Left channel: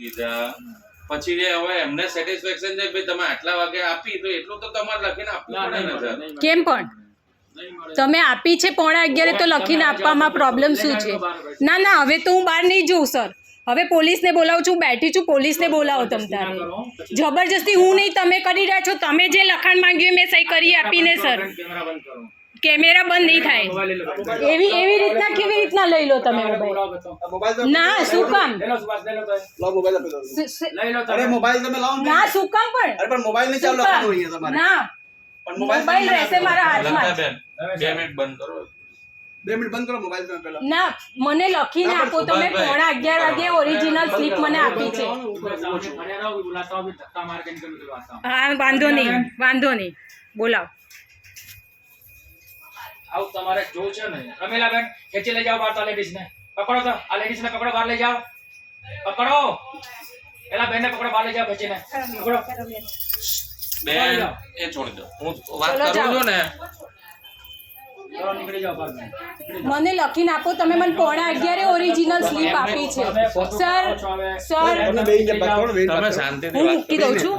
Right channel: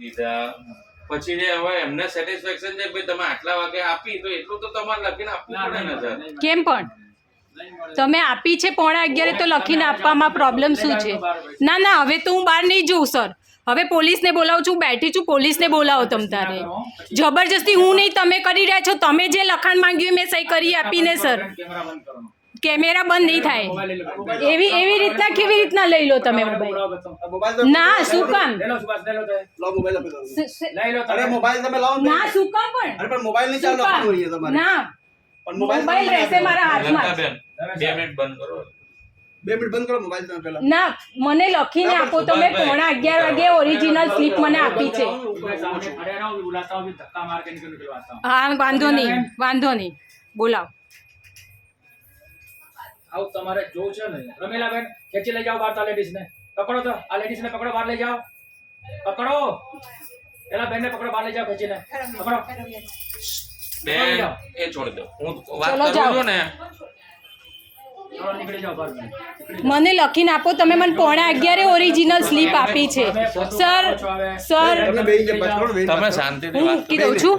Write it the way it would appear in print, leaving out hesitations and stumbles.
દીધા પછી હવે એમને સેટિસ્ફેક્શન છે કે ભાઈ તમે આટલા વાગે આપી તો એટલું તો તમારે લખીને આપવું પડે ને સર કેમ પણ તમે આપી છે 11:30 તો લખીને આપવામાં પ્રોબ્લેમ શું છે? ના ના, હવે તો હું બહાર નહીં જઉં સર, હવે પોલીસને બોલાવું છું, બેઠી છું, પોલીસને બોલાવો તમ તારે. જબરજસ્તી હું નહીં, તમે કરી રહ્યા છો. તમે જે લખાણ માંગ્યું મેં સહી કરી આપીને સર. કેમેરા બંધ નહીં થાય એવી રીતના કેવી રીતના લઈ લો તમે મોબાઈલ? ના શું કામ? અરે મોબાઈલ તમે લાવો ના શું કામ પણ? અરે પણ મોબાઈલ નહીં ચાલુ રાખવાનું હોય તમારે. ના પણ મોબાઈલ રહેશે મારા હાથમાં. બેન 2 મિનિટ બંધ કરો. 2 મિનિટ બંધ કરો મોબાઈલ તમે પહેલા. ના મને લખીને આપો તમે. 11:30 વાગે ઓરિજિનલ સ્લીપ મને આપી છે. હા વાંધો નહીં બોલાવ. આવ તમારે જો છે ને રમીલાબેન ખેંચી લઈ જાઓ બહાર તો લેડીઝ ને પકડો, તો આ લેડીઝ ને પકડો, બહાર લઈ જાઓ, પકડો પેલા બેન ને પકડો, બહાર લઈ જાઓ ખેંચીને પકડો. બેન એ છોડી દો, હું વાત કરું છું ને. ચલો નીકળી જાઓ બહાર. મને લખીને આપો તમે. મને 11:30 ઓરિજિનલ સ્લીપ આપી છે સર. તમે બે કે બાત કરો ને તમે શાંતિથી હું વાત મૂકી દઉં છું.